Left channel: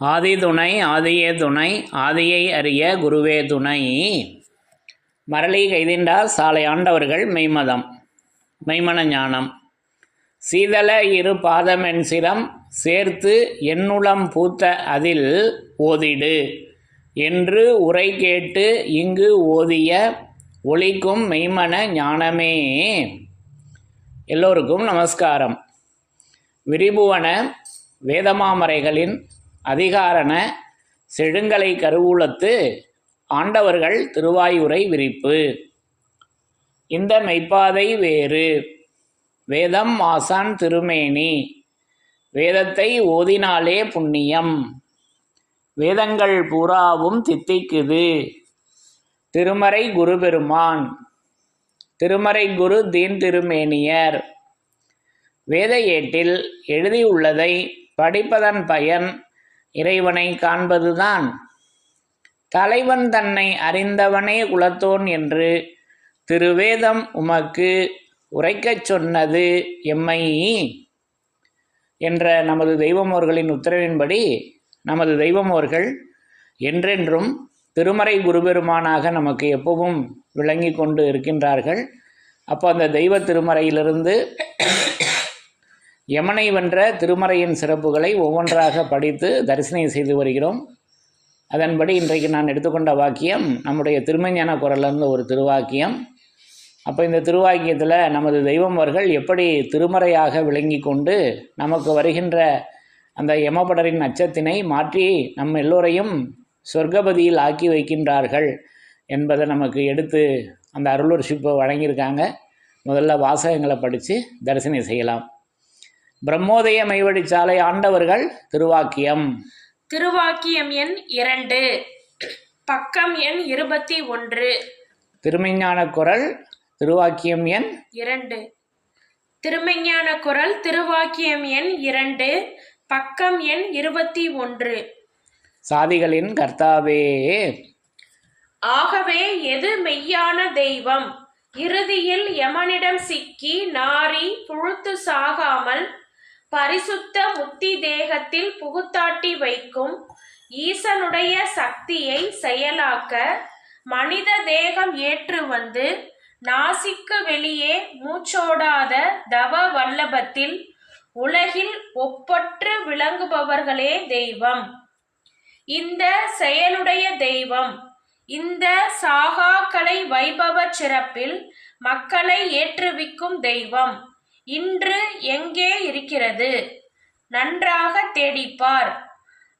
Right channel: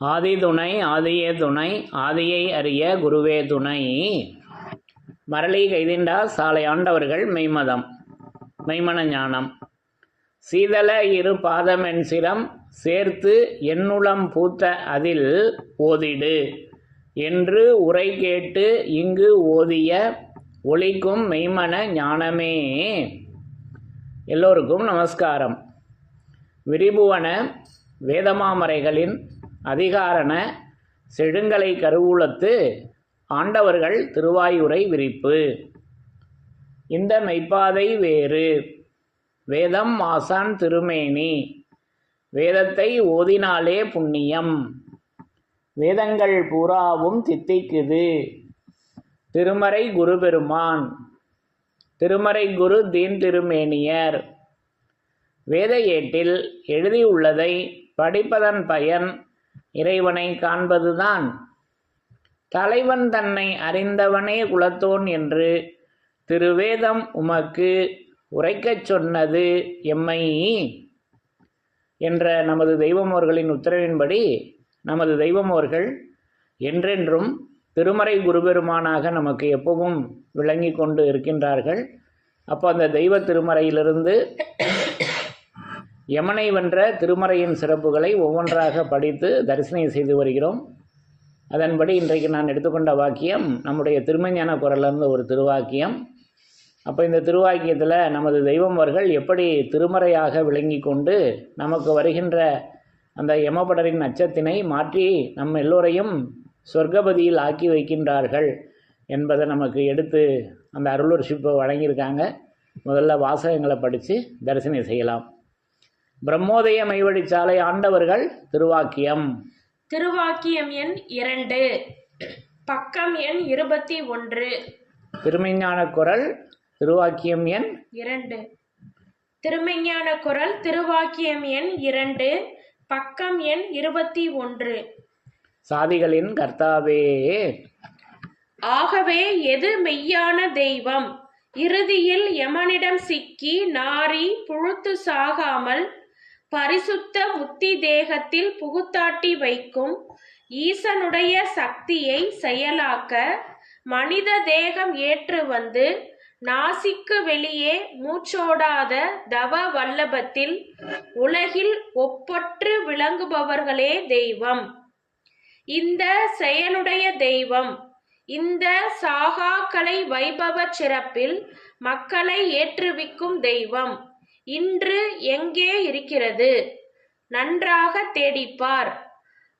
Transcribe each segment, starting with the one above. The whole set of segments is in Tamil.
ஆதி துணை ஆதியே துணை ஆதியை அறிய குருவே துணை. மரளி கைதிண்டார் சாலை ஆண்டவர்கள் மெய்மதம் மெய்மன ஞானம். சீதள இரு பாதமென் சிரம் சேர்த்து என்னுளம் பூத்த அதில் ஓதிடு என்று உரை கேட்டு இங்கு ஓதிய ஒளிக்கும் மெய்மன ஞானமே. எல்லோருக்கும் நமஸ்காரம். விரிபுவன வேதமாமரைகளின் அதிகாரண செழுங்கலை கருவூலத்து ஆண்டவர்கள் திருவாயுரை விரிப்பு. இந்த மெய்ப்பாதை வேறு வேதம் ஆசான் திருமேனி, வேதத்தை ஓதினாலே புண்ணியம், வேதங்கள் பூராவும் தித்திக்குது. திருமறை குரு பெருமான், திருமறை குரு தீன் திருமேனியர். வேத ஏட்டில் எழுதியுள்ளதை படிப்பதன் பயன் இறைவனை காண்பதுதான். தலைவன் தன்னை அறிந்தவனே குலத்தோன் என்று திருவேதம் உமக்கு உரைக்கச் சொன்னது எம்மை என்ற நமது தெய்வமோர்களின் உத்தரவின்படி நமது தெய்வமோர்கள் என்றென்றும் திருமறை குருபெருமானாக நமக்கு எப்பவும் விளங்கி கொண்டு இருக்கின்றார்கள். அப்போ அந்த தெய்வ திருமறையிலிருந்து யமனை வென்ற திருமறையின் சிறப்புகளை ஒவ்வொன்றாக படித்து தரிசனை செய்து வருகிறோம். அதன்படி இன்றைக்கு நான் எடுத்துக்கொண்ட வாக்கியம் நம்முடைய திருமஞான குரலிருந்து ஒரு திருவாக்கியம். அப்போ இந்த திருவாக்கியத்தில் நமது தெய்வமர்கள் எப்படி திருமறையாக விளங்கி கொண்டு நமக்கு வருகின்ற அந்த யமபடரின் அச்சத்தினை மாற்றி நம் எல்லோரையும் சொர்க்கபதியில் ஆக்கி வைக்கின்றார்கள் என்பதை நமக்கு எடுத்து அந்த அருளுர்ஷிப்பை வழங்கியிருக்காங்க. முதல்ல வாசகங்களை படித்து தரிசனை செய்யலாம். பிரம்மோதய மெய்வழிச்சாலை ஆண்டவர்கள் திருவாக்கியம். திருவாக்கியம் எண் 2, பக்கம் எண் 21. திருமெஞ்ஞான குரல் திருவாக்கியம் எண் 2. திருமெஞ்ஞான குரல் திருவாக்கியம் எண் 2, பக்கம் எண் 21. சாதிகளின் கர்த்தாவே. ஆகவே எது மெய்யான தெய்வம்? இறுதியில் யமனிடம் சிக்கி நாரி புழுத்து சாகாமல் பரிசுத்த முத்தி தேகத்தில் புகுத்தாட்டி வைக்கும் ஈசனுடைய சக்தியை செயலாக்க மனித தேகம் ஏற்று வந்து நாசிக்கு வெளியே மூச்சோடாத தவ வல்லபத்தில் உலகில் ஒப்பற்று விளங்குபவர்களே தெய்வம். இந்த செயலுடைய தெய்வம் இந்த சாகாக்கலை வைபவ சிறப்பில் மக்களை ஏற்றுவிக்கும் தெய்வம் இன்று எங்கே இருக்கிறது? நன்றாக தேடிப்பார்.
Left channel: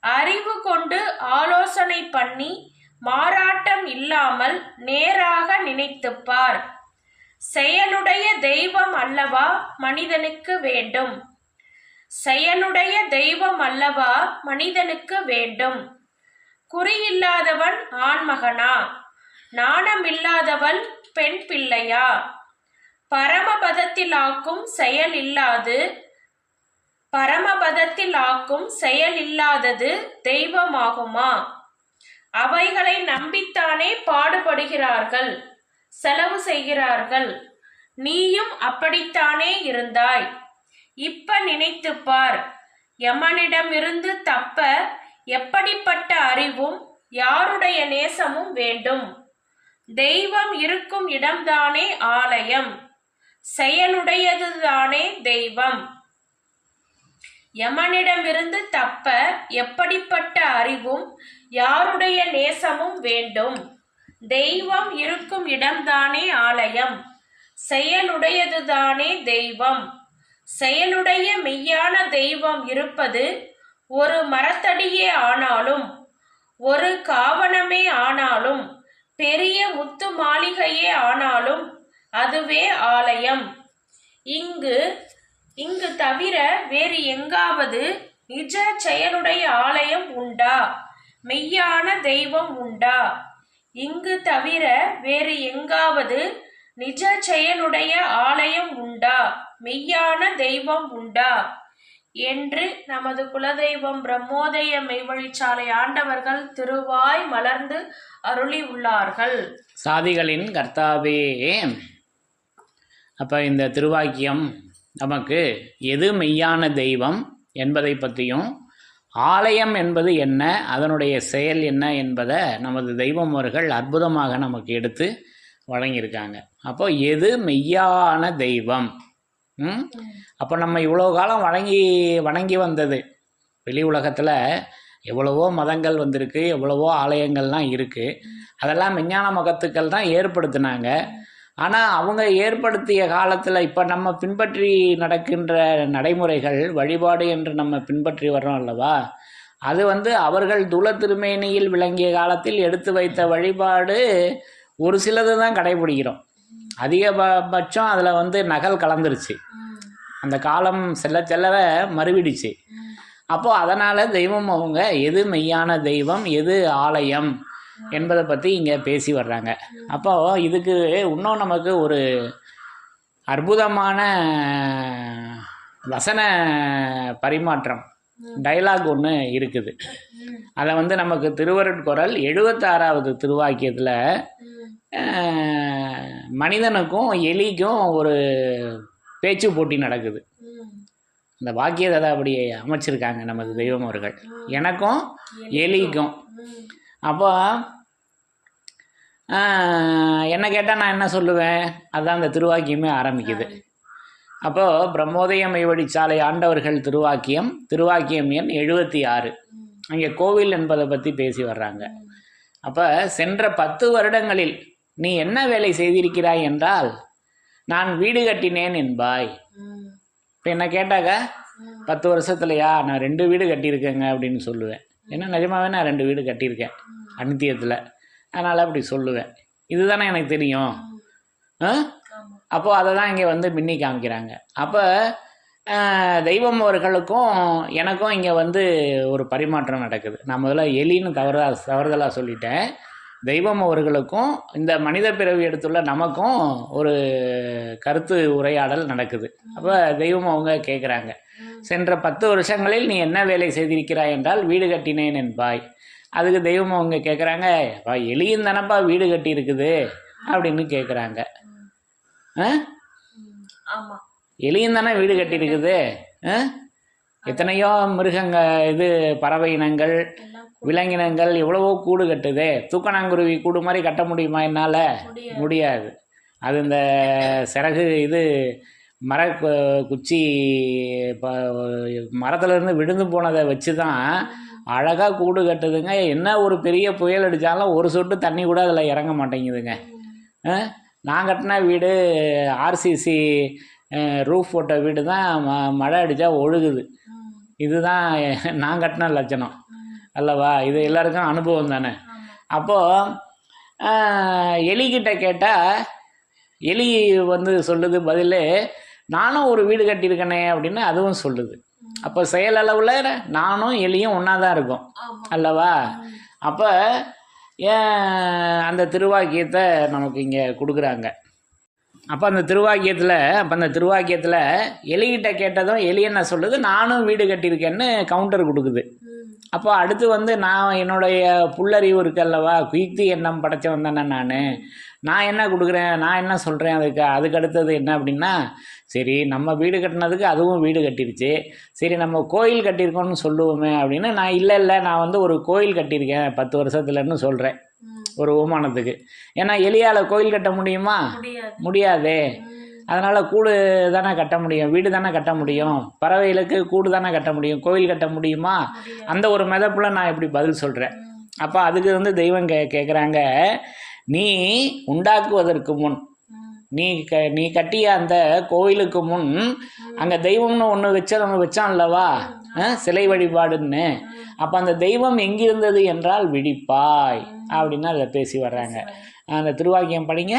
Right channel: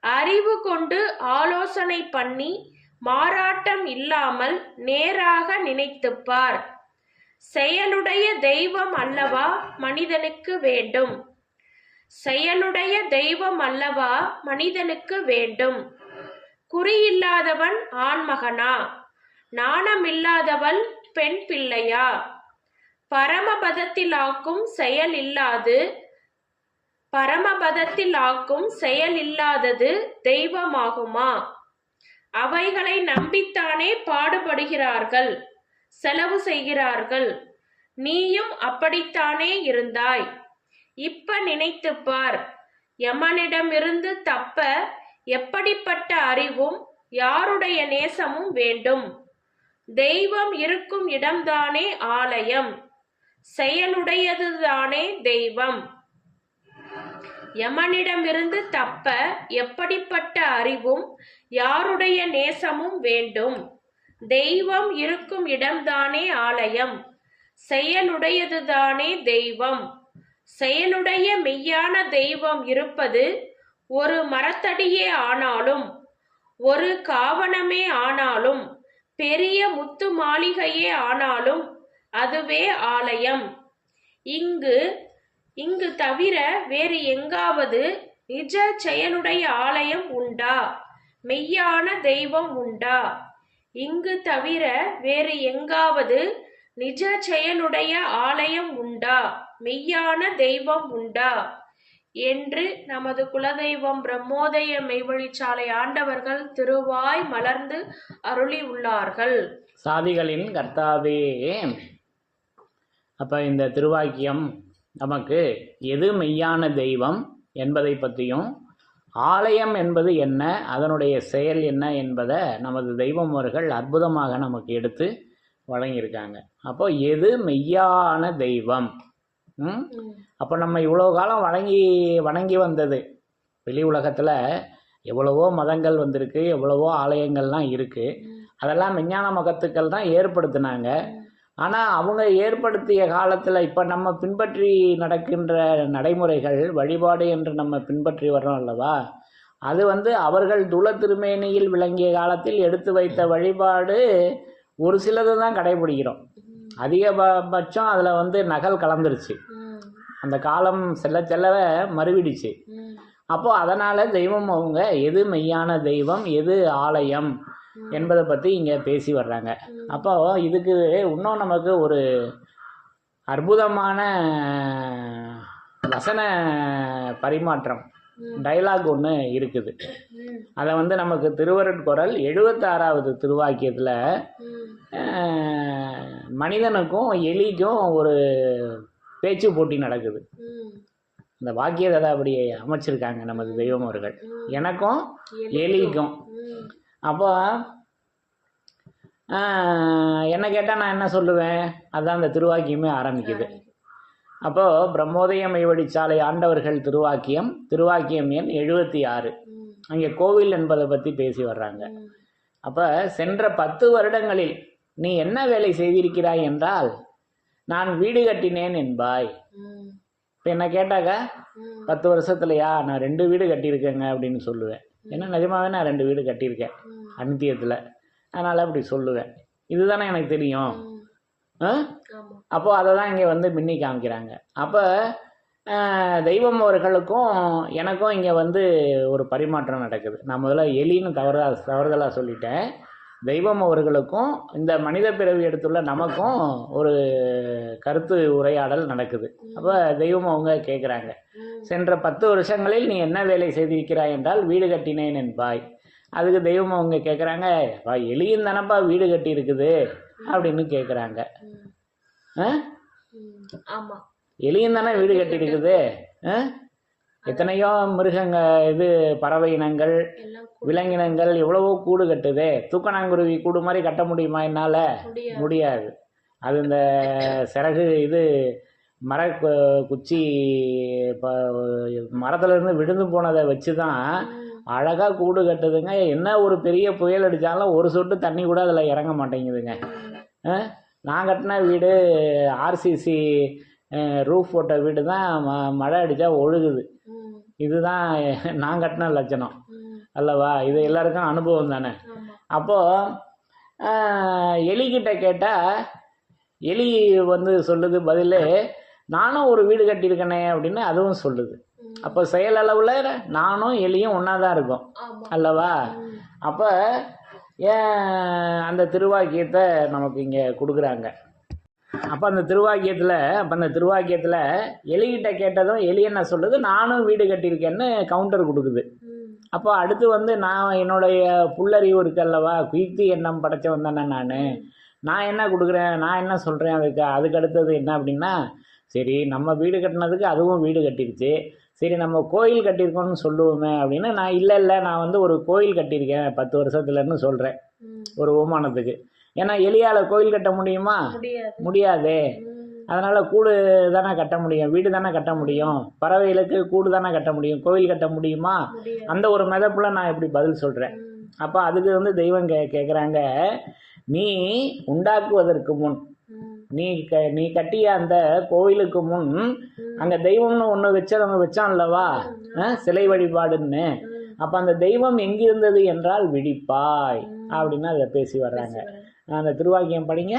அறிவு கொண்டு ஆலோசனை பண்ணி மாறாட்டம் இல்லாமல் நேராக நினைத்துப்பார். செயலுடைய தெய்வம் அல்லவா மனிதனுக்கு வேண்டும்? செயலுடைய தெய்வம் அல்லவா மனிதனுக்கு வேண்டும்? குறியில்லாதவன் ஆண்மகனா? நாணமில்லாதவள் பெண் பிள்ளையா? பரமபதத்தில் ஆக்கும் செயல் இல்லாது பரமபதத்தில் ஆக்கும் செயல் இல்லாதது தெய்வமாகுமா? அவைகளை நம்பித்தானே பாடுபடுகிறார்கள், செலவு செய்கிறார்கள். நீயும் அப்படித்தானே இருந்தாய். இப்ப நினைத்துப்பார். யமனிடமிருந்து தப்ப எப்படிப்பட்ட அறிவும் யாருடைய நேசமும் வேண்டும்? தெய்வம் இருக்கும் இடம்தானே ஆலயம், செயலுடையதுதானே தெய்வம். யமனிடமிருந்து தப்ப எப்படிப்பட்ட அறிவும் யாருடைய நேசமும் வேண்டும்? தெய்வம் இருக்கும் இடம்தானே ஆலயம், செயலுடையதுதானே தெய்வம். செயலுடைய மெய்யான தெய்வம் இருப்பது ஒரு மரத்தடியே ஆனாலும் ஒரு காவணமே ஆனாலும் பெரிய முத்து மாளிகையே ஆனாலும் அதுவே ஆலயம். இங்கு தவிர வேறு எங்காவது நிஜ செயலுடைய ஆலயம் உண்டா? மெய்யான தெய்வம் உண்டா? இங்கு தவிர வேறு எங்காவது நிஜ செயலுடைய ஆலயம் உண்டா? மெய்யான தெய்வம் உண்டா? என்று நமது குலதெய்வம் பிரம்மோதய மெய்வழிச்சாலை ஆண்டவர்கள் திருவாய் மலர்ந்து அருளி உள்ளார்கள். சாதிகளின் கர்த்தாவே. அப்போ இந்த திருவாக்கியம் நமக்கு எது மெய்யான தெய்வம் என்பதை பற்றியும் ஆலயம் என்பது என்ன, அதனுடைய செயல் என்ன என்பதை நமது தெய்வம் அவர்கள் அற்புதமாக நமக்கு எடுத்து வழங்கியிருக்காங்க. அப்போ எது மெய்யான தெய்வம்? அப்போ நம்ம இவ்வளோ காலம் வணங்கி வந்தது, வெளி உலகத்தில் எவ்வளவோ மதங்கள் வந்திருக்கு, எவ்வளவோ ஆலயங்கள்லாம் இருக்குது. அதெல்லாம் விஞ்ஞான மகத்துக்கள் தான் ஏற்படுத்தினாங்க. ஆனால் அவங்க ஏற்படுத்திய காலத்தில் இப்போ நம்ம பின்பற்றி நடக்கின்ற நடைமுறைகள், வழிபாடு என்று நம்ம பின்பற்றி வர்றோம் அல்லவா, அது அவர்கள் துல திருமேனியில் விளங்கிய காலத்தில் எடுத்து வைத்த வழிபாடு ஒரு சிலது தான் கடைபிடிக்கிறோம். அதிகபட்சம் அதில் நகல் கலந்துருச்சு, அந்த காலம் செல்ல செல்லவே மறுவிடுச்சு. அப்போது அதனால் தெய்வம் அவங்க எது மெய்யான தெய்வம், எது ஆலயம் என்பதை பற்றி இங்கே பேசி வர்றாங்க. அப்போது இதுக்கு இன்னும் நமக்கு ஒரு அற்புதமான வசன பரிமாற்றம், டைலாக் ஒன்று இருக்குது. அதை நமக்கு திருவருட்குறள் 76வது திருவாக்கியத்தில் மனிதனுக்கும் எலிக்கும் ஒரு பேச்சு போட்டி நடக்குது. இந்த வாக்கியத்தை அப்படி அமைச்சிருக்காங்க நமது தெய்வம் அவர்கள், எனக்கும் எலிக்கும். அப்போ என்ன கேட்டால் நான் என்ன சொல்லுவேன், அதுதான் அந்த திருவாக்கியமே ஆரம்பிக்குது. அப்போது பிரம்மோதய மெய்வழிச்சாலை ஆண்டவர்கள் திருவாக்கியம் எண் 76. அங்கே கோவில் என்பதை பற்றி பேசி வர்றாங்க. அப்போ சென்ற 10 வருடங்களில் நீ என்ன வேலை செய்திருக்கிறாய் என்றால், நான் வீடு கட்டினேன் என்பாய். இப்போ என்ன கேட்டாக்க 10 வருஷத்துலையா நான் 2 வீடு கட்டியிருக்கேங்க அப்படின்னு சொல்லுவேன். ஏன்னா நிஜமாகவே நான் 2 வீடு கட்டியிருக்கேன் அனித்தியத்தில், அதனால் அப்படி சொல்லுவேன். இதுதானே எனக்கு தெரியும். அப்போது அதை தான் இங்கே மின்னி காமிக்கிறாங்க. அப்போ தெய்வம் அவர்களுக்கும் எனக்கும் இங்கே ஒரு பரிமாற்றம் நடக்குது. நான் முதல்ல எலின்னு தவறுதலாக சொல்லிட்டேன். தெய்வம் அவர்களுக்கும் இந்த மனித பிறவி எடுத்துள்ள நமக்கும் ஒரு கருத்து உரையாடல் நடக்குது. அப்போ தெய்வம் அவங்க கேட்குறாங்க, சென்ற 10 வருஷங்களில் நீ என்ன வேலை செய்திருக்கிறாய் என்றால் வீடு கட்டினேன் என்பாய். அதுக்கு தெய்வம் அவங்க கேட்குறாங்க, எலியும் தானப்பா வீடு கட்டி இருக்குது அப்படின்னு கேட்குறாங்க. எலியும் தானே வீடு கட்டி இருக்குது, எத்தனையோ மிருகங்கள், பறவை இனங்கள், விலங்கினங்கள் எவ்வளவோ கூடு கட்டுது. தூக்கணாங்குருவி கூடு மாதிரி கட்ட முடியுமா என்னால்? முடியாது. அது இந்த சிறகு மர குச்சி மரத்துலேருந்து விழுந்து போனதை வச்சு தான் அழகாக கூடு கட்டுதுங்க. என்ன ஒரு பெரிய புயல் அடித்தாலும் ஒரு சொட்டு தண்ணி கூட அதில் இறங்க மாட்டேங்குதுங்க. நான் கட்டின வீடு ஆர்சிசி ரூஃப் போட்ட வீடு தான் மழை அடித்தா ஒழுகுது. இதுதான் நான் கட்டின லட்சணம் அல்லவா? இது எல்லாருக்கும் அனுபவம் தானே. அப்போது எலிக்கிட்ட கேட்டால் எலி சொல்லுது பதில், நானும் ஒரு வீடு கட்டியிருக்கேனே அப்படின்னு அதுவும் சொல்லுது. அப்போ செயலளவில் நானும் எலியும் ஒன்றா தான் இருக்கும் அல்லவா? அப்போ ஏன் அந்த திருவாக்கியத்தை நமக்கு இங்கே கொடுக்குறாங்க. அப்போ அந்த திருவாக்கியத்தில் எலிகிட்ட கேட்டதும் எலி என்ன சொல்லுது, நானும் வீடு கட்டியிருக்கேன்னு கவுண்டர் கொடுக்குது. அப்போ அடுத்து நான் என்னுடைய புல்லறிவு இருக்கல்லவா, குயுக்தி எண்ணம் படைச்சவன் தானே நான் என்ன கொடுக்குறேன், நான் என்ன சொல்கிறேன், அதுக்கு அடுத்தது என்ன அப்படின்னா, சரி நம்ம வீடு கட்டினதுக்கு அதுவும் வீடு கட்டிருச்சு, சரி நம்ம கோயில் கட்டியிருக்கோன்னு சொல்லுவோமே அப்படின்னு நான் இல்லை நான் ஒரு கோயில் கட்டியிருக்கேன் 10 வருஷத்துலன்னு சொல்கிறேன் ஒரு ஓமானத்துக்கு. ஏன்னா எலியால் கோயில் கட்ட முடியுமா? முடியாதே. அதனால் கூடு தானே கட்ட முடியும், வீடு தானே கட்ட முடியும், பறவைகளுக்கு கூடு தானே கட்ட முடியும், கோயில் கட்ட முடியுமா? அந்த ஒரு மெதப்பில் நான் இப்படி பதில் சொல்கிறேன். அப்போ அதுக்கு தெய்வம் கேட்குறாங்க, நீ உண்டாக்குவதற்கு முன், நீ கட்டிய அந்த கோவிலுக்கு முன் அங்கே தெய்வம்னு ஒன்று வச்சான் அல்லவா, சிலை வழிபாடுன்னு. அப்போ அந்த தெய்வம் எங்கிருந்தது என்றால் விழிப்பாய் அப்படின்னு அதை பேசி வர்றாங்க. அந்த திருவாக்கியம் படிங்க.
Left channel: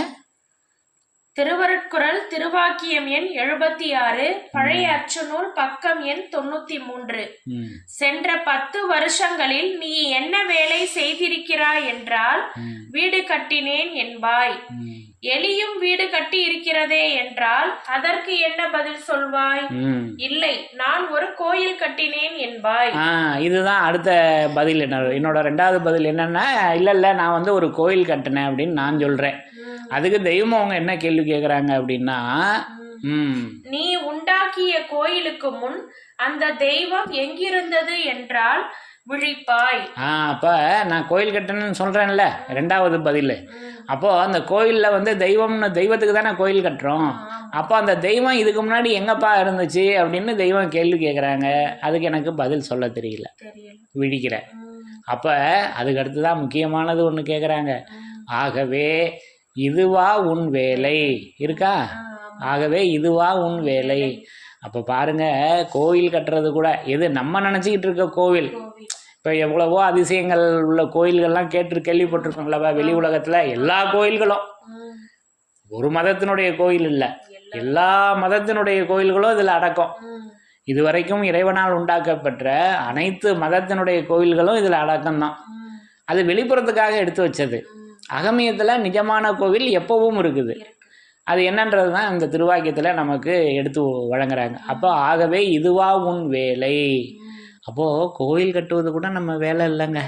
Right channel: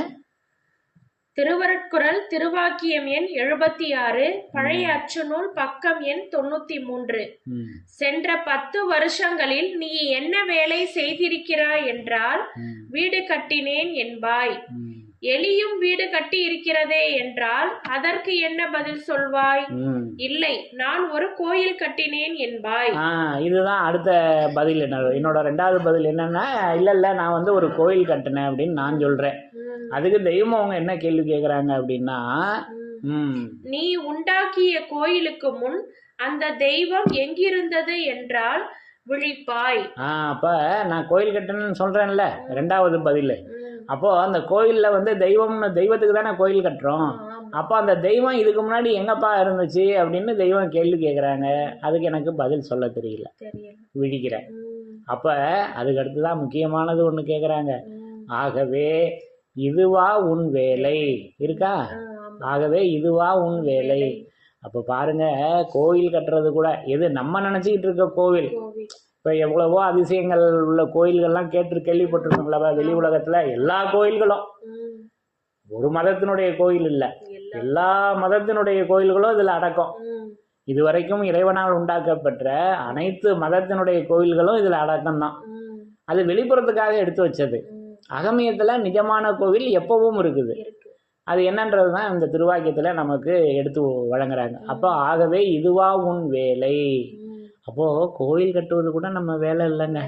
திருவருட்குறள் திருவாக்கியம் எண் 76, பழைய அச்சுநூல் பக்கம் எண் 93. சென்ற 10 வருஷங்களில் நீ என்ன வேலை செய்திருக்கிறாய் என்றால் வீடு கட்டினேன் என்பாய். எலியும் வீடு கட்டி இருக்கிறதே என்றால் அதற்கு என்ன பதில் சொல்வாய்? இல்லை, நான் ஒரு கோயில் கட்டினேன் என்பாய். இதுதான் அடுத்த பதில். என்னோட 2வது பதில் என்னன்னா, இல்லை நான் ஒரு கோயில் கட்டினேன் அப்படின்னு நான் சொல்றேன். அதுக்கு தெய்வம் அவங்க என்ன கேள்வி கேட்குறாங்க அப்படின்னா, நீ உண்டாக்கிய கோயிலுக்கு முன் அந்த தெய்வம் எங்கிருந்தது என்றால் விழிப்பாய். அப்போ நான் கோயில் கட்டணும்னு சொல்கிறேன்ல, ரெண்டாவது பதில். அப்போது அந்த கோயிலில் வந்து தெய்வத்துக்கு தானே கோயில் கட்டுறோம். அப்போ அந்த தெய்வம் இதுக்கு முன்னாடி எங்கப்பா இருந்துச்சு அப்படின்னு தெய்வம் கேள்வி கேட்குறாங்க. அதுக்கு எனக்கு பதில் சொல்ல தெரியல, விழிக்கிறேன். அப்போ அதுக்கு அடுத்து தான் முக்கியமானது ஒன்று கேட்குறாங்க. ஆகவே இதுவா உன் வேலை இருக்கா? ஆகவே இதுவா உன் வேலை. அப்போ பாருங்க, கோவில் கட்டுறது கூட எது நம்ம நினச்சிக்கிட்டு இருக்க கோவில். இப்போ எவ்வளவோ அதிசயங்கள் உள்ள கோயில்கள்லாம் கேள்விப்பட்டிருக்கோம்லவா வெளி உலகத்தில். எல்லா கோயில்களும் ஒரு மதத்தினுடைய கோயில் இல்லை, எல்லா மதத்தினுடைய கோயில்களும் இதில் அடக்கம். இதுவரைக்கும் இறைவனால் உண்டாக்கப்பட்ட அனைத்து மதத்தினுடைய கோயில்களும் இதில் அடக்கம்தான். அது வெளிப்புறத்துக்காக எடுத்து வச்சது. அகமியத்தில் நிஜமான கோவில் எப்பவும் இருக்குது. அது என்னன்றது தான் இந்த திருவாக்கியத்தில் நமக்கு எடுத்து வழங்குறாங்க. அப்போ ஆகவே இதுவா உன் வேலை. அப்போது கோயில் கட்டுவது கூட நம்ம வேலை இல்லைங்க.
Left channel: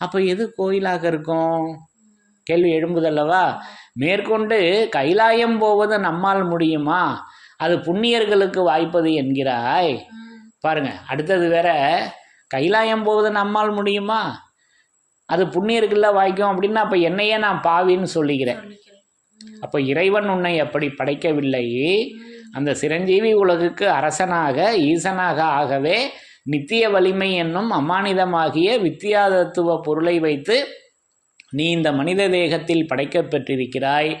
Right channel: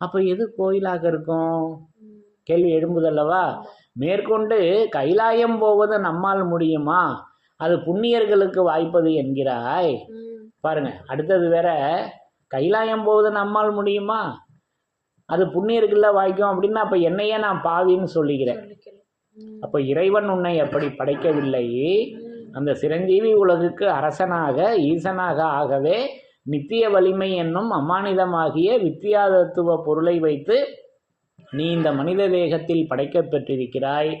அப்போ எது கோயிலாக இருக்கும்? கேள்வி எழும்புதல்லவா? மேற்கொண்டு கைலாயம் போவது நம்மால் முடியுமா? அது புண்ணியர்களுக்கு வாய்ப்பது என்கிறாய். பாருங்க, அடுத்தது வேற, கைலாயம் போவது நம்மால் முடியுமா, அது புண்ணியருக்குள்ள வாய்க்கும் அப்படின்னா அப்போ என்னையே நான் பாவின்னு சொல்லிக்கிறேன். அப்போ இறைவன் உன்னை அப்படி படைக்கவில்லை. அந்த சிரஞ்சீவி உலகுக்கு அரசனாக ஈசனாக ஆகவே நித்திய வலிமை என்னும் அமானிதமாகிய வித்தியாதத்துவ பொருளை வைத்து நீ இந்த மனித தேகத்தில் படைக்கப்பட்டிருக்கிறாய்.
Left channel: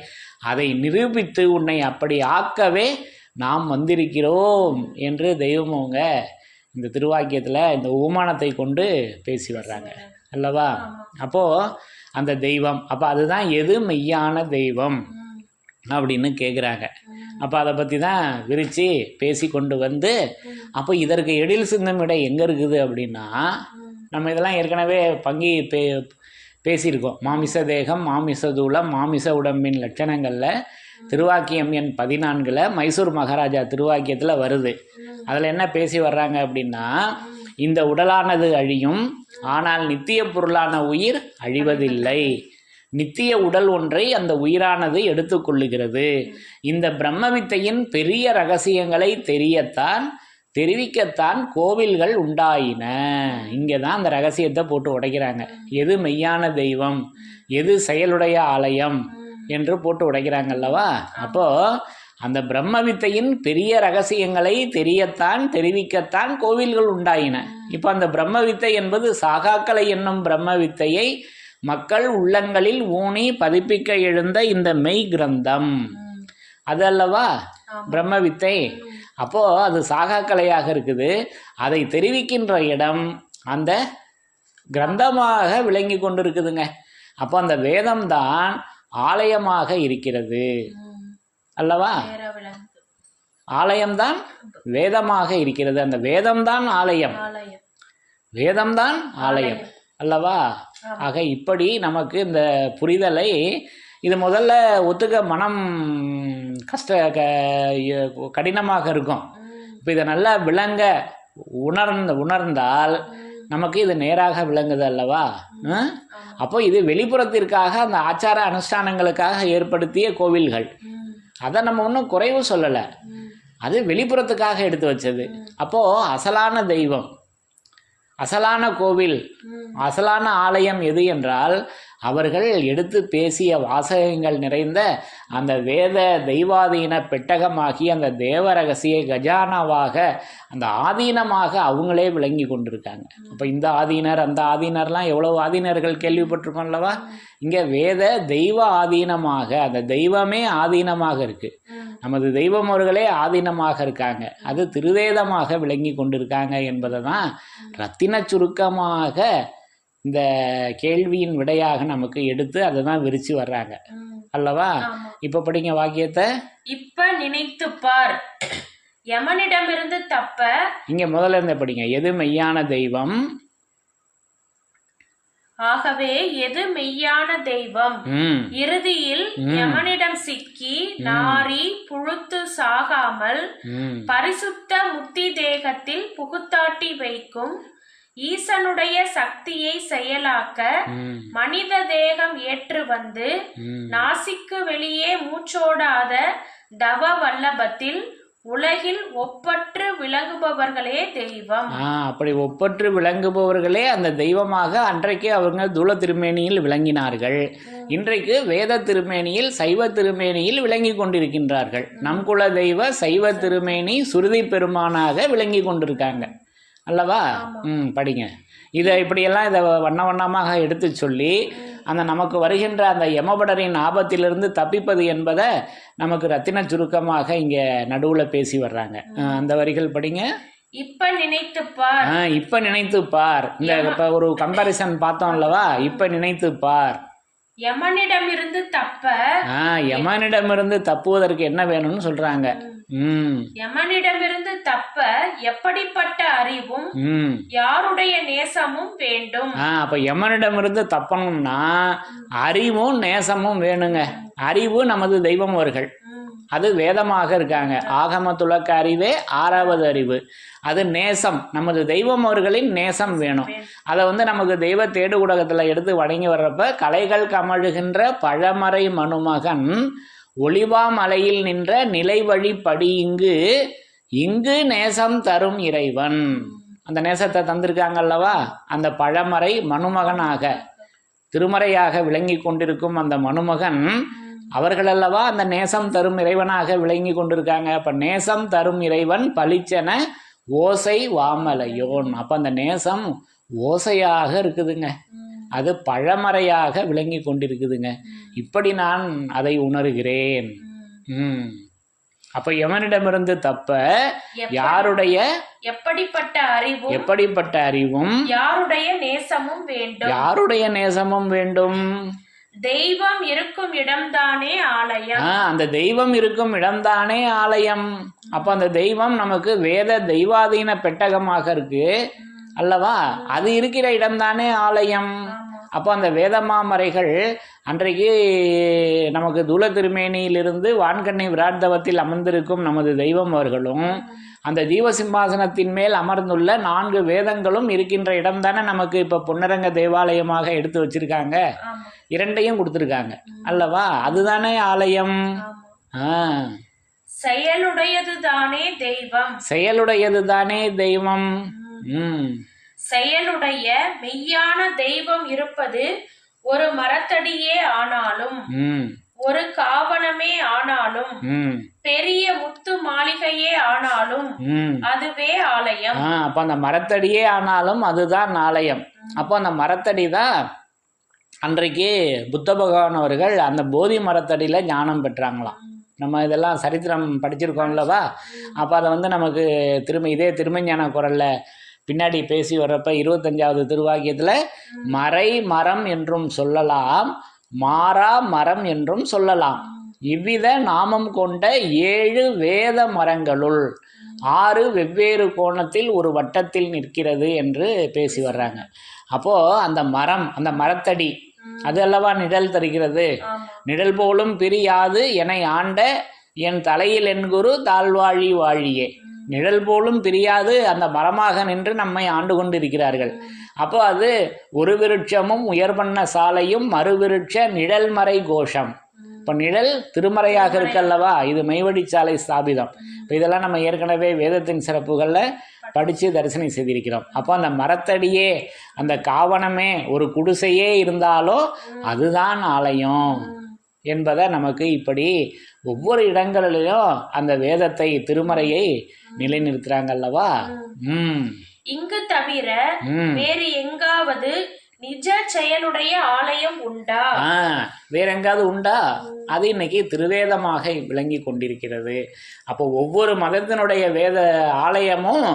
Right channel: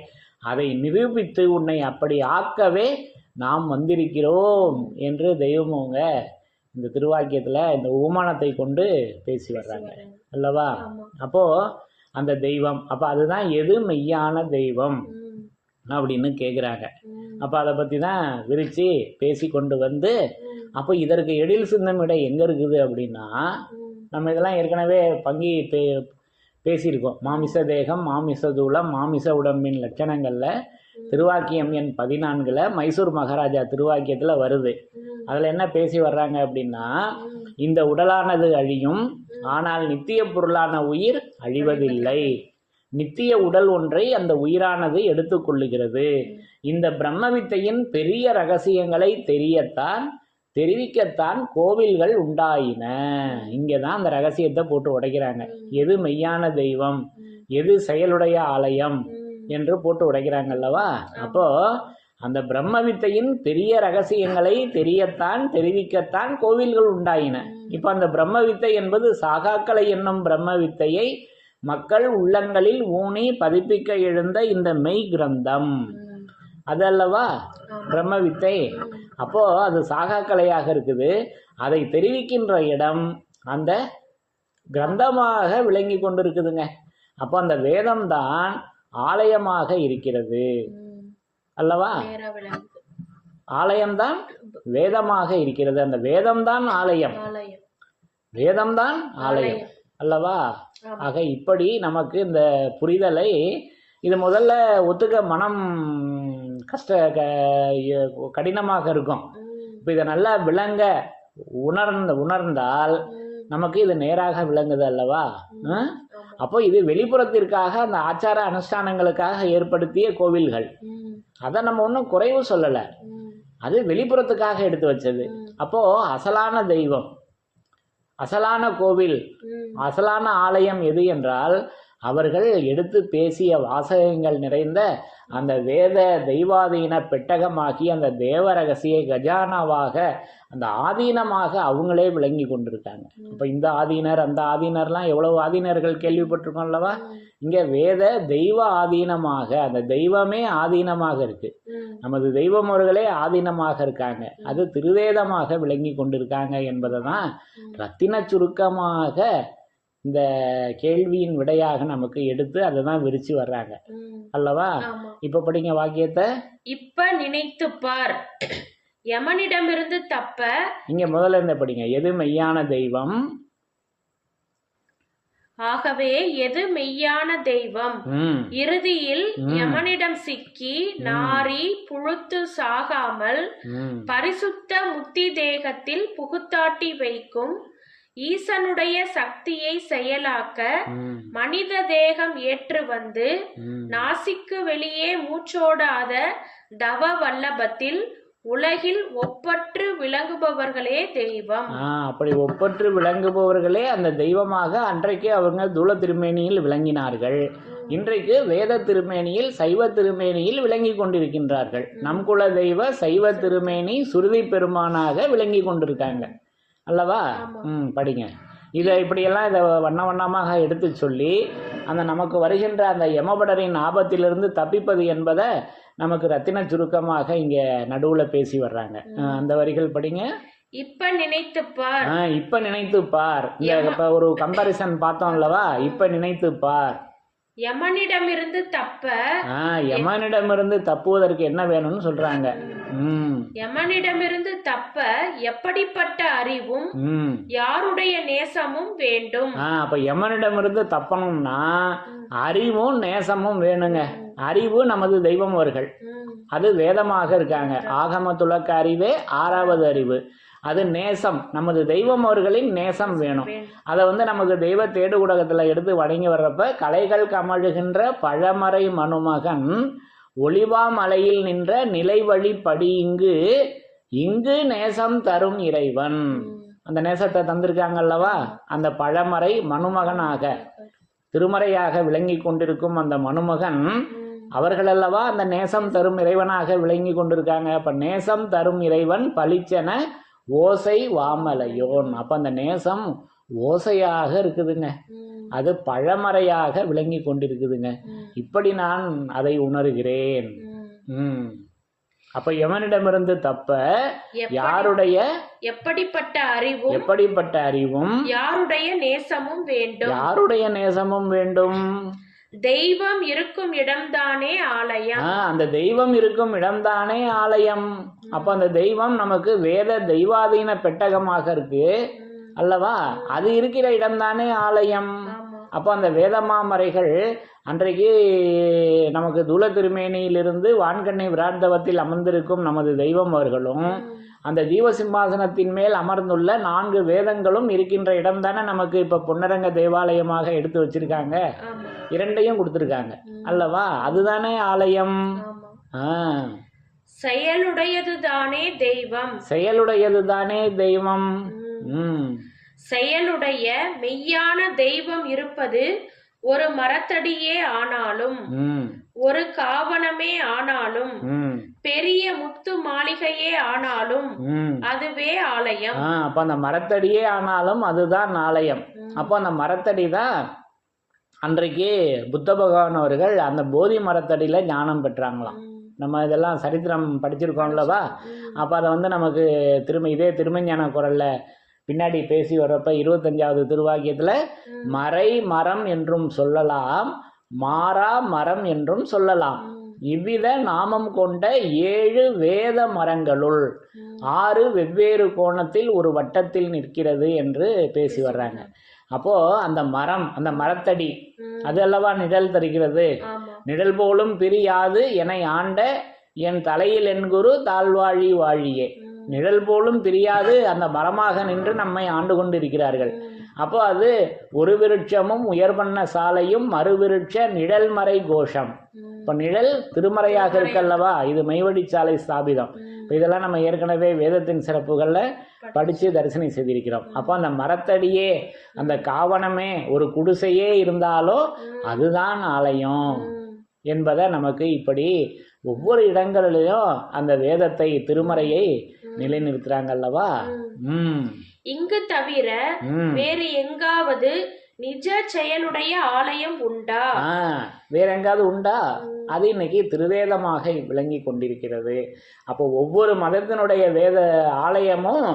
அதை நிரூபித்து உன்னை அப்படி ஆக்கவே நாம் வந்திருக்கிறோம் என்று தெய்வமவங்க இந்த திருவாக்கியத்தில் இந்த உமானத்தை கொண்டு பேசி வர்றாங்க அல்லவா? அப்போது அந்த தெய்வம், அப்போ அதுதான் எது மெய்யான தெய்வம் அப்படின்னு கேட்குறாங்க. அப்போ அதை பற்றி தான் விரித்து பேசி கொண்டு வந்து, அப்போ இதற்கு எழில் சிந்தம் விட எங்கே இருக்குது அப்படின்னா, நம்ம இதெல்லாம் ஏற்கனவே பேசியிருக்கோம். மாமிச தேகம், மாமிச தூளம், மாமிச உடம்பின் லட்சணங்களில் திருவாக்கியம் எண் 14 மைசூர் மகாராஜா திருவாக்கியத்தில் வருது. அதில் என்ன பேசி வர்றாங்க அப்படின்னா, இந்த உடலானது அழியும், ஆனால் நித்திய பொருளான உயிர் அழிவதில்லை. நித்திய உடல் ஒன்றை அந்த உயிரானது எடுத்துக்கொள்ளுகிறது. இந்த பிரம்மவித்தையின் பெரிய ரகசியங்களை தெரிவிக்கத்தான் கோவில்கள் உண்டாயின. இங்கே தான் அந்த ரகசியத்தை போட்டு உடைக்கிறாங்க. எது மெய்யான தெய்வம், எது செயலுடைய ஆலயம் என்று போட்டு உடைக்கிறாங்க அல்லவா? அப்போது அந்த பிரம்மவித்தையின் பெரிய ரகசியங்களை தெரிவிக்கத்தான் கோவில்கள் உண்டாயின. இப்போ அந்த பிரம்மவித்தை என்பது சாகாக்கலை என்னும் பிரம்மவித்தையை மக்கள் உள்ளங்களில் ஊனி பதிப்பிக்க எழுந்த இந்த மெய் கிரந்தம் அது அல்லவா பிரம்மவித்தை. அப்போது அது சாகாக்கலையாக இருக்குது. அதை தெரிவிக்கின்ற இடம் அந்த கிரந்தமாக விளங்கி கொண்டு இருக்குதுங்க. அப்போ அந்த வேதம்தான் ஆலயமாக இருக்கிறது அல்லவா? ஆலயம்தான் வேதமாக இருக்கிறது. அந்த வேதம்தான் ஆலயம், வேதம்தான் ஆலயம் அல்லவா? ஆக இப்படி நமக்கு இந்த புரிதலை இது முதல்ல ஒத்துக்க மனம் கடினமாக இருக்கும். இப்போ இதை நல்லா விளங்க உணர்ந்தால் நமக்கு இது நேராக விளங்குது அல்லவா? அப்போ இது வெளிப்புறத்திற்காக அந்த ஆச்சார அனுஷ்டானங்களுக்காக ஏற்படுத்திய கோவில்கள். அதை நம்ம ஒன்றும் குறைவு சொல்லலை, அது வெளிப்புறத்துக்காக எடுத்து வச்சது. அப்போது அசலான தெய்வம், அசலான கோவில், அசலான ஆலயம் எது என்றால் அவர்கள் எடுத்து பேசிய வாசகங்கள் நிறைந்த அந்த வேத தெய்வாதீன பெட்டகமாகி அந்த தேவ ரகசிய கஜானாவாக அந்த ஆதீனமாக அவங்களே விளங்கி கொண்டிருக்காங்க. அப்போ இந்த ஆதீனர் அந்த ஆதீனர்லாம் எவ்வளவு ஆதீனர்கள் கேள்விப்பட்டிருக்கோம் அல்லவா? இங்கே வேத தெய்வ ஆதீனமாக அந்த தெய்வமே ஆதீனமாக இருக்கு. நமது தெய்வம் அவர்களே ஆதீனமாக இருக்காங்க. அது திருவேதமாக விளங்கி கொண்டிருக்காங்க என்பதை தான் ரத்தின சுருக்கமாக இந்த கேள்வியின் விடையாக நமக்கு எடுத்து அதை தான் விரிச்சு வர்றாங்க அல்லவா? இப்ப படிங்க வாக்கியத்தை. இப்ப நினைத்து பார், யமனிடமிருந்து தப்ப. இங்க முதல்ல இருந்த படிங்க. எது மெய்யான தெய்வம், ஆகவே எது மெய்யான தெய்வம், இறுதியில் யமனிடம் சிக்கி நாரி புழுத்து சாகாமல் பரிசுத்த முத்தி தேகத்தில் புகுத்தாட்டி வைக்கும் ஈசனுடைய சக்தியை செயலாக்க மனித தேகம் ஏற்று வந்து நாசிக்கு வெளியே மூச்சோடாத தவ வல்லபத்தில் உலகில் ஒப்பற்று விளங்குபவர்களே தெய்வம். அப்படி ஒப்பற்று விளங்குபவர்களே அந்த தெய்வமாக அன்றைக்கு அவங்க தூல திருமேனியில் விளங்கினார்கள். இன்றைக்கு வேத திருமேனியில் சைவ திருமேனியில் விளங்கி கொண்டிருக்கின்றார்கள். நம் குல தெய்வ சைவ திருமேனி சுருதி பெருமானாக விளங்கி கொண்டிருக்காங்க அல்லவா? படிங்க. இதை இப்படியெல்லாம் இதை வண்ண வண்ணமாக எடுத்து சொல்லி அந்த நமக்கு வருகின்ற அந்த யமபடரின் ஆபத்திலிருந்து தப்பிப்பது என்பதை நமக்கு ரத்தின சுருக்கமாக இங்கே நடுவில் பேசி வர்றாங்க. அந்த வரிகள் படிங்க. இப்ப நினைத்து பார். இப்ப நினைத்து பார். இந்த இப்ப ஒரு கம்பாரிசன் பார்த்தோம் அல்லவா? இப்ப நினைத்து பார். யமனிடமிருந்து யமனிடமிருந்து தப்புவதற்கு என்ன வேணும்னு சொல்றாங்க. யமனிடமிருந்து தப்ப எப்படிப்பட்ட அறிவும் யாருடைய நேசமும் வேண்டும். அப்ப யமனிடமிருந்து தப்பணும்னா அறிவும் நேசமும் வேணுங்க. அறிவு நமது தெய்வம் அவர்கள், அது வேதமாக இருக்காங்க. ஆகம துலக்க அறிவே 6வது அறிவு. அது நேசம், நமது தெய்வம் அவர்களின் நேசம் வேணும். அதை நமக்கு தெய்வ தேடு ஊடகத்தில் எடுத்து வணங்கி வர்றப்ப கலைகள் கமழுகின்ற பழமறை மனுமகன் ஒளிவா மலையில் நின்ற நிலை வழி படி இங்கு நேசம் தரும் இறைவன். அந்த நேசத்தை தந்திருக்காங்கல்லவா? அந்த பழமறை மனுமகனாக திருமறையாக விளங்கி கொண்டிருக்கும் அந்த மனுமகன் அவர்கள் அல்லவா அந்த நேசம் தரும் இறைவனாக விளங்கி கொண்டிருக்காங்க. அப்ப நேசம் தரும் இறைவன் பளிச்சென ஓசை வாமலையோன். அப்ப அந்த நேசம் ஓசையாக இருக்குதுங்க, அது பழமறையாக விளங்கி கொண்டிருக்குதுங்க. இப்படி நான் அதை உணர்கிறேன். அப்ப எவனிடமிருந்து தப்ப யாருடைய எப்படிப்பட்ட அறிவும் யாருடைய நேசமும் வேண்டும். தெய்வம் இருக்கும் இடம்தானே ஆலயம். அந்த தெய்வம் இருக்கும் இடம்தானே ஆலயம். அப்ப அந்த தெய்வம் நமக்கு வேத தெய்வாதீன பெட்டகமாக இருக்கு அல்லவா? அது இருக்கிற இடம்தானே ஆலயம். அப்போ அந்த வேதமாமறைகள் அன்றைக்கு நமக்கு தூல திருமேனியிலிருந்து வான்கண்ணை விராட்தவத்தில் அமர்ந்திருக்கும் நமது தெய்வம் அவர்களும் அந்த ஜீவசிம்மாசனத்தின் மேல் அமர்ந்துள்ள 4 வேதங்களும் இருக்கின்ற இடம் தானே நமக்கு இப்போ பொன்னரங்க தேவாலயமாக எடுத்து வச்சிருக்காங்க. 2ஐயும் கொடுத்துருக்காங்க அல்லவா? அதுதானே ஆலயம். செயலுடையதுதானே தெய்வம். செயலுடைய மெய்யான தெய்வம் இருப்பது ஒரு மரத்தடியே ஆனாலும் ஒரு காவணமே ஆனாலும் பெரிய முத்து மாளிகையே ஆனாலும் அதுவே ஆலயம். அப்ப அந்த மரத்தடியே ஆனாலும் அதுதான் ஆலயம். அப்போ அந்த மரத்தடி தான் அன்றைக்கு புத்த பகவான் அவர்கள் அந்த போதி மரத்தடியில ஞானம் பெற்றாங்களாம். நம்ம இதெல்லாம் சரித்திரம் படிச்சிருக்கோம்லவா? அப்போ அதை நமக்கு இதே திருமஞான குரல்ல பின்னாடி பேசி வர்றப்ப 25வது திருவாக்கியத்தில் மறை மரம் என்றும் சொல்லலாம், மாறா மரம் என்றும் சொல்லலாம். இவ்வித நாமம் கொண்ட 7 வேத மரங்களுள் 6 வெவ்வேறு கோணத்தில் ஒரு வட்டத்தில் நிற்கிறது என்று பேசி வர்றாங்க. அப்போ அந்த மரம், அந்த மரத்தடி அது அல்லவா நிழல் தருகிறது. நிழல் போலும் பிரியாது என்னை ஆண்ட என் தலையில் என் குரு தாழ்வாழி வாழியே. நிழல் போலும் பிரியாது அந்த மரமாக நின்று நம்மை ஆண்டு கொண்டு இருக்கிறார்கள். அப்போ அது ஒரு விருட்சமும் உயர்வண்ண சாலையும் மறுவிருட்ச நிழல் மறை கோஷம். இப்போ நிழல் திருமறையாக இருக்கல்லவா? இது மெய்வழி சாலை ஸ்தாபிதம். இப்போ இதெல்லாம் நம்ம ஏற்கனவே வேதத்தின் சிறப்புகளில் படித்து தரிசனம் செய்திருக்கிறோம். அப்போ அந்த மரத்தடியே அந்த காவணமே ஒரு குடிசையே இருந்தாலும் அதுதான் ஆலயம் என்பதை நமக்கு இப்படி ஒவ்வொரு இடங்களிலும் அந்த வேதத்தை திருமறையை நிலைநிறுத்துறாங்க அல்லவா? இங்கு தவிர வேறு எங்காவது நிஜ செயலுடைய ஆலயம் உண்டா? வேற எங்காவது உண்டா? அது இன்னைக்கு திருவேதமாக விளங்கி கொண்டிருக்கிறது. அப்போ ஒவ்வொரு மதத்தினுடைய வேத ஆலயமும்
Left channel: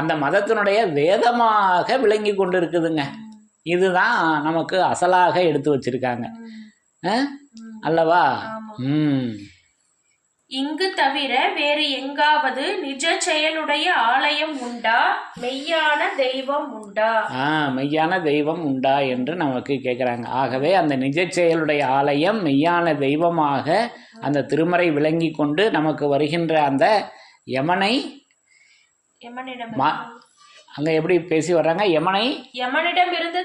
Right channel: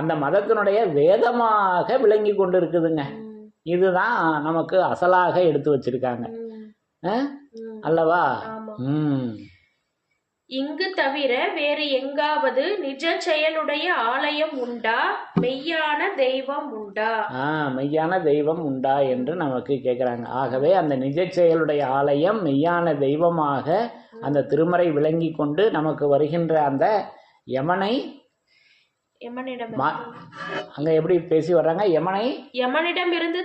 அந்த மதத்தினுடைய வேதமாக விளங்கி கொண்டு இருக்குதுங்க. இதுதான் நமக்கு அசலாக எடுத்து வச்சிருக்காங்க அல்லவா? இங்கு தவிர வேறு எங்காவது நிஜ செயலுடைய ஆலயம் உண்டா? மெய்யான தெய்வம் உண்டா? மெய்யான தெய்வம் உண்டா என்று நமக்கு கேட்குறாங்க. ஆகவே அந்த நிஜ செயலுடைய ஆலயம் மெய்யான தெய்வமாக அந்த திருமறை விளங்கி கொண்டு நமக்கு வருகின்ற அந்த யமனை அங்க எப்படி பேசி வர்றாங்க? யமனிடமிருந்து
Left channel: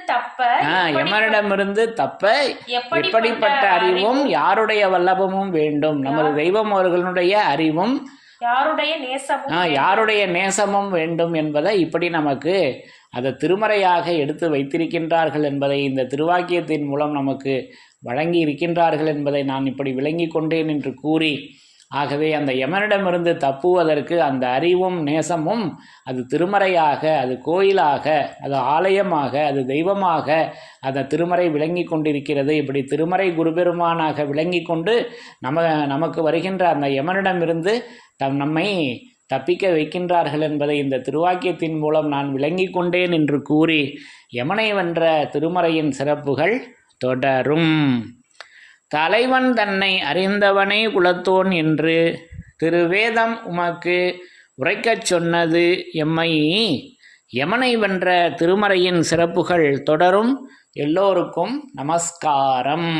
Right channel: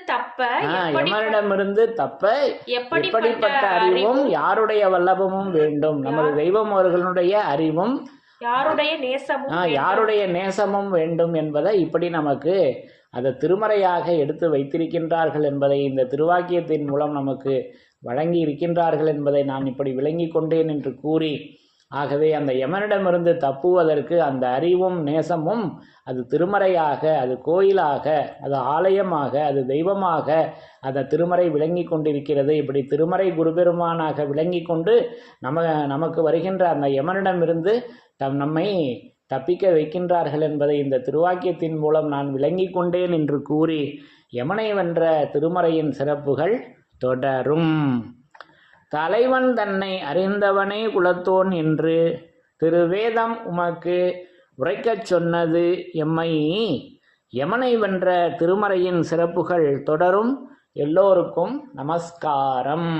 தப்ப எப்படிப்பட்ட அறிவும் யாருடைய வல்லபமும் வேண்டும். நமது தெய்வம் அவர்களுடைய அறிவும் யாருடைய நேசமும் யாருடைய நேசமும் வேண்டும் என்பதை இப்படி நமக்கு அதை திருமறையாக எடுத்து வைத்திருக்கின்றார்கள் என்பதை இந்த திருவாக்கியத்தின் மூலம் நமக்கு வழங்கி இருக்கின்றார்கள் என்பதை நான் இப்படி விளங்கி கொண்டேன் என்று கூறி, ஆகவே அந்த யமனிடமிருந்து தப்புவதற்கு அந்த அறிவும் நேசமும் அது திருமறையாக, அது கோயிலாக, அது ஆலயமாக, அது தெய்வமாக அந்த திருமறை விளங்கி கொண்டிருக்கிறது. இப்படி திருமறை குருபெருமானாக விளங்கி கொண்டு நமக்கு வருகின்ற அந்த யமனிடமிருந்து நம்மை தப்பிக்க வைக்கின்றார்கள் என்பதை இந்த திருவாக்கியத்தின் மூலம் நான் விளங்கி கொண்டேன் என்று கூறி, யமனை வென்ற திருமறையின் சிறப்புகள் தொடரும். தலைவன் தன்னை அறிந்தவனே குலத்தோன் என்று திருவேதம் உமக்கு உரைக்கச் சொன்னது எம்மை. யமனை வென்ற திருமறையின் சிறப்புகள் தொடரும். எல்லோருக்கும் நமஸ்காரம்.